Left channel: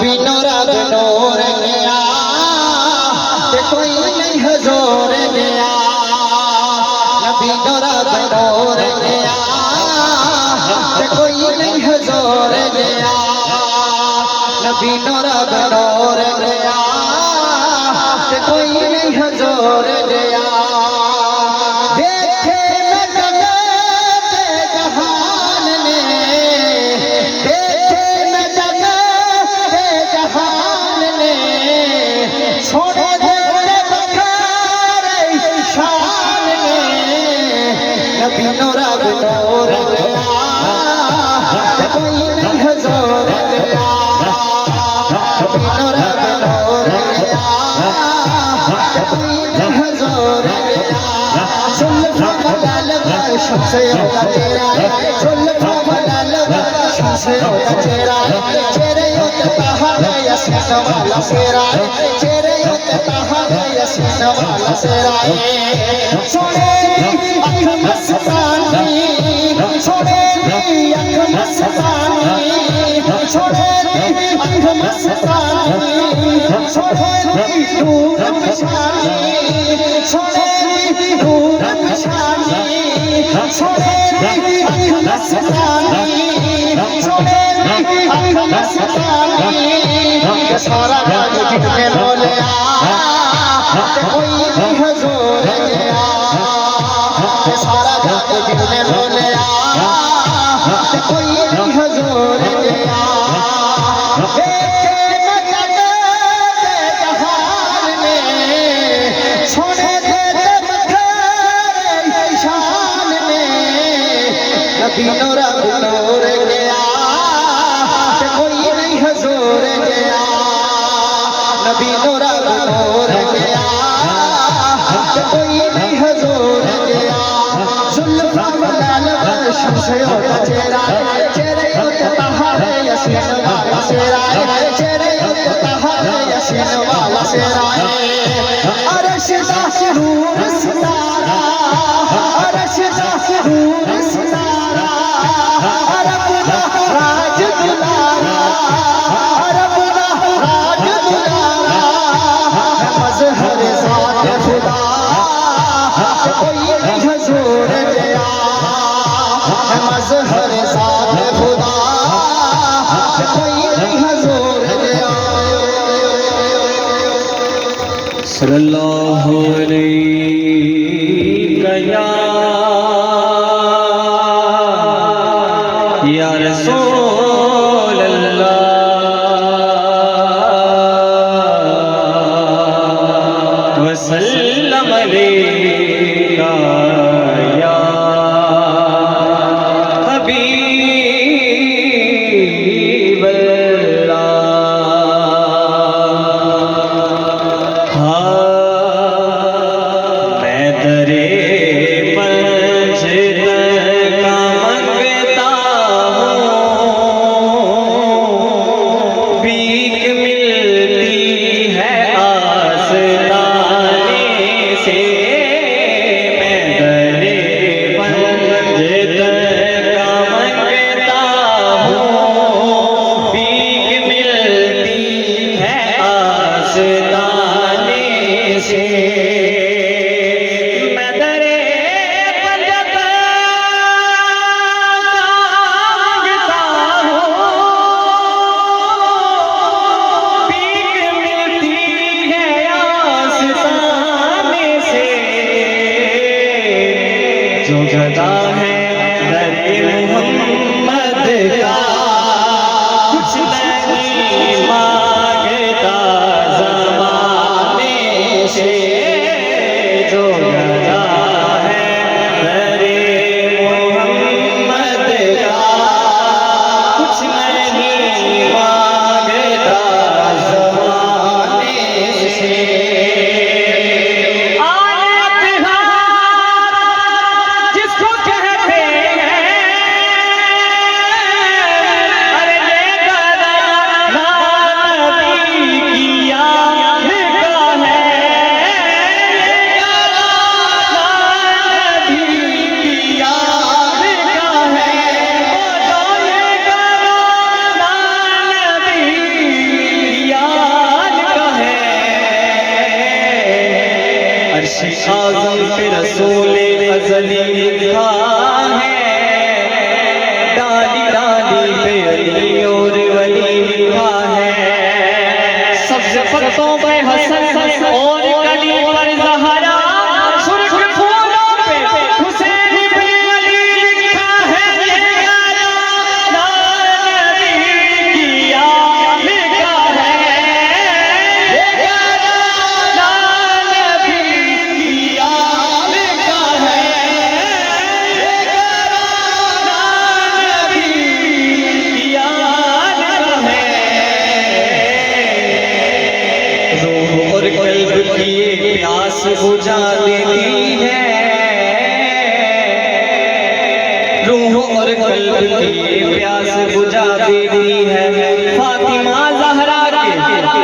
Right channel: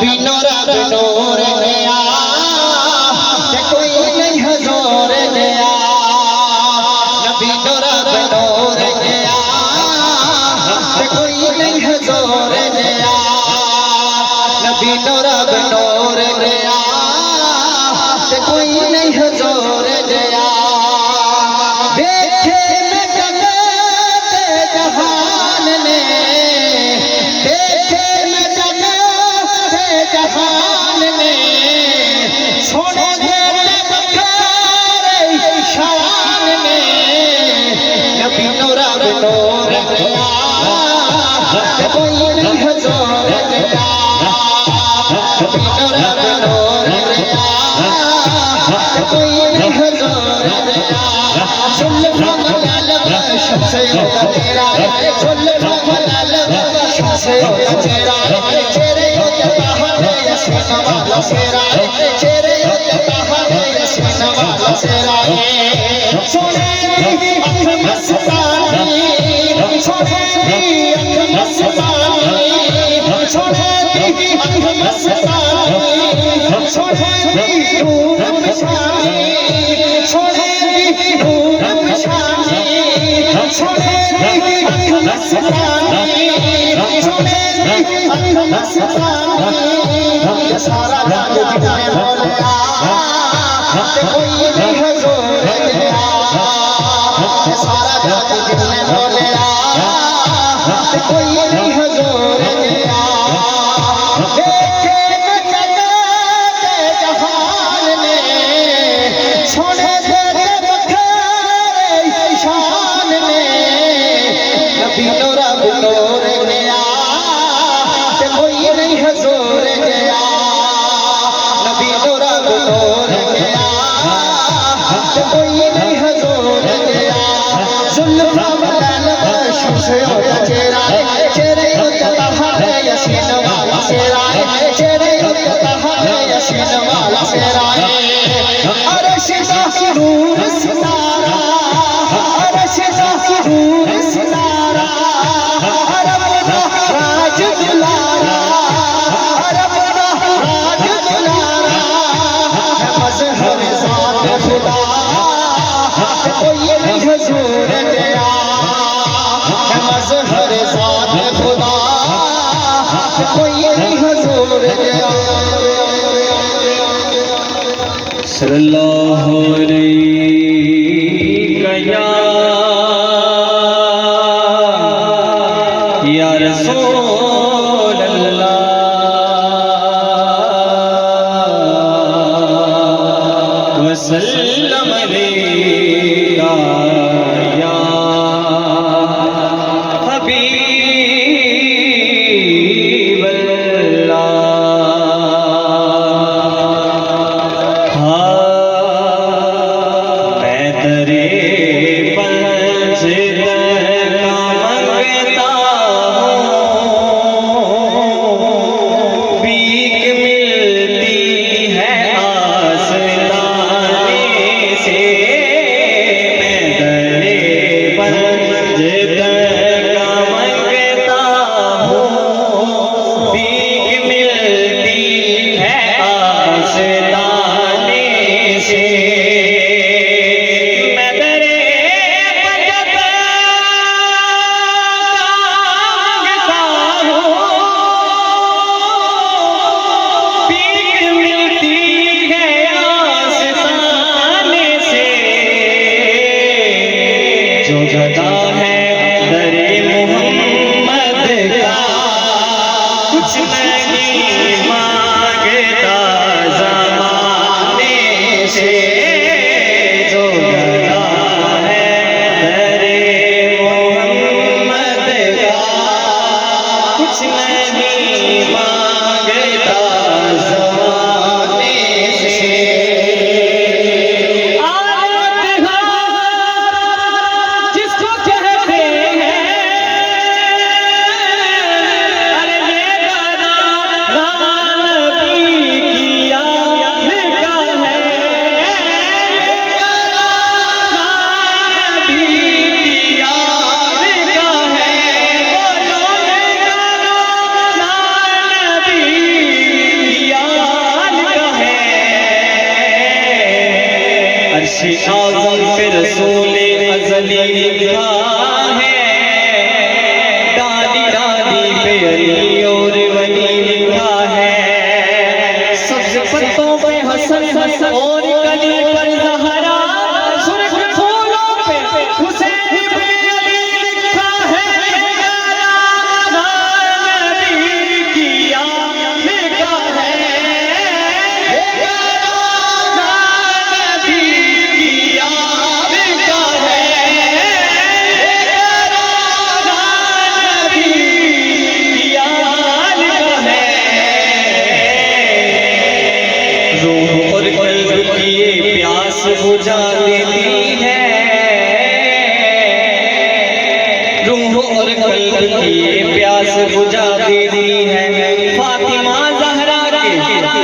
नबी नूरा नूर गया कि कोई नहीं हुजूर गया नबी नूरा नूर गया कि कोई नहीं हुजूर गया नबी नूरा नूर गया कि कोई नहीं हुजूर गया देखे मैं जगत जहान ने देखे मैं जगत जहान ने छोड़ दे बखारे शान में नबी नूरा नूर गया कोई नहीं हुजूर गया नबी नूरा नूर गया कोई नहीं हुजूर गया सुल्फ़ा बदल शमसे होता तेरा सुल्फ़ा बदल शमसे होता तेरा चेहरे होते पहाड़ यसीन वाला सेरा चेहरे होते पहाड़ यसीन वाला सेरा सोनेरी आँख मस्तानी सोनेरी आँख मस्तानी सोनेरी आँख मस्तानी सोनेरी नूर निशानी सोनेरी नूर निशानी सोनेरी आँख मस्तानी सोनेरी आँख मस्तानी सारा राज जितने बोले कोई नहीं हुजूर गया सारा राज जितने बोले कोई नहीं हुजूर गया देखे जहान ने छोड़े दे बखारे शान ने नबी नूरा नूर गया कोई नहीं हुजूर गया नबी नूरा नूर गया कोई नहीं हुजूर गया सुल्फ़ा बदल शमसे होता चेहरा चेहरे होते पहाड़ यसीन वाला सेरा चेहरे होते पहाड़ यसीन वाला सेरा अर्श दा नूर सितारा अर्श दा नूर सितारा रब दा राज दुलारा रब दा राज दुलारा मज़हर ज़ात खुदा कोई नहीं हुजूर गया मज़हर ज़ात खुदा कोई नहीं हुजूर गया सल्लल्लाहु अलैहि या रसूल अल्लाह वसल्लम अलैका या हबीब अल्लाह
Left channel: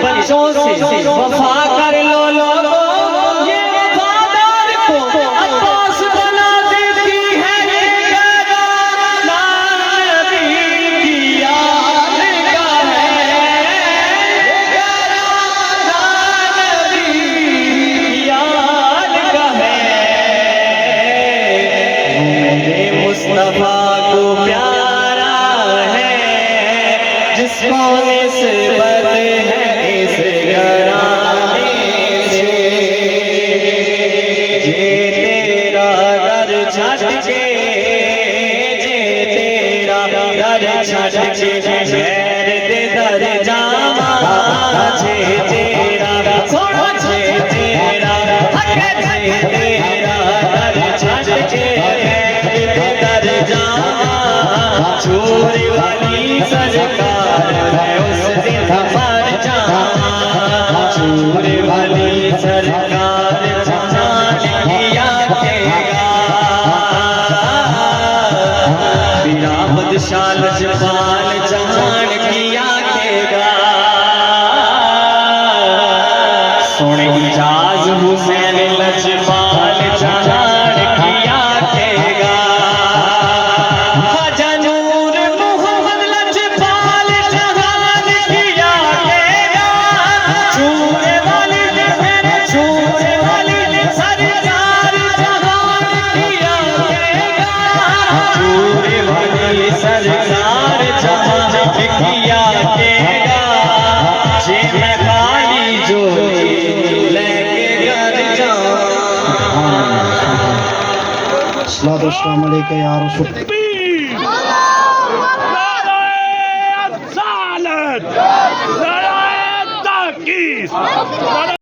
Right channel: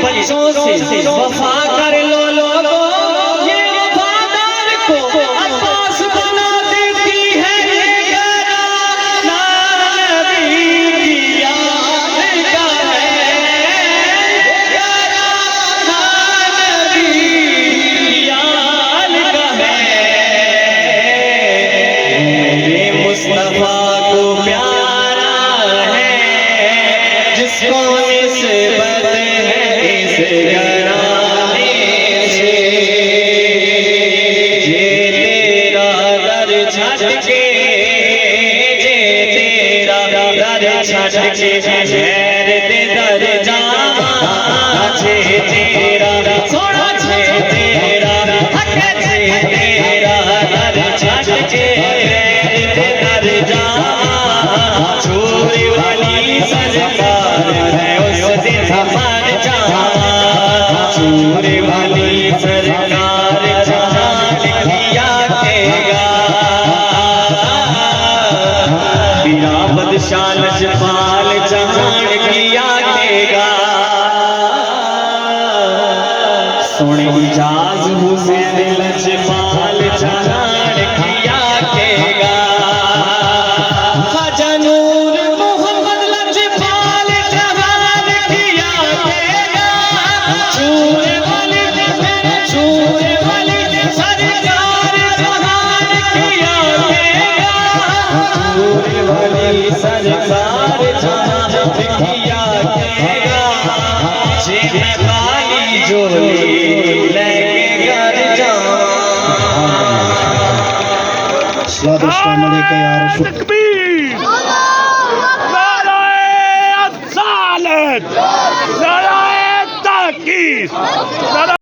बच्चों से वफा कर लो लोगों, ये वफादार को अब्बास बना देती है ये नारा की याद का है, नारा की याद का है। मेरे मुस्तफा को प्यारा है जिसको निस्बत है इस घराने से, ये तेरा दर छट के, ये तेरा दर छट के शहर दे दर जावा, छे तेरा सोना छे तेरा हक छे तेरा दर छट के शहर दे दर जावा, चोरी वाली सरकार है उस दिन मर जावा, चोरी वाली सरकार जहान किया केगा, बिना बदशाल जपाल जहान किया केगा, सोने जाज हुसैन लजपाल जहान किया केगा, खाजा नूर मोहम्मद लजपाल जहान किया केगा, चूरे वाली मेरे चूरे वाली सरकार जहान किया केगा, चूरे वाली सरकार जहान किया केगा, जे मैं काली जोली लेके घर जाऊं। अस्सलाम वालेकुम या रसूल। नाराए ताकीद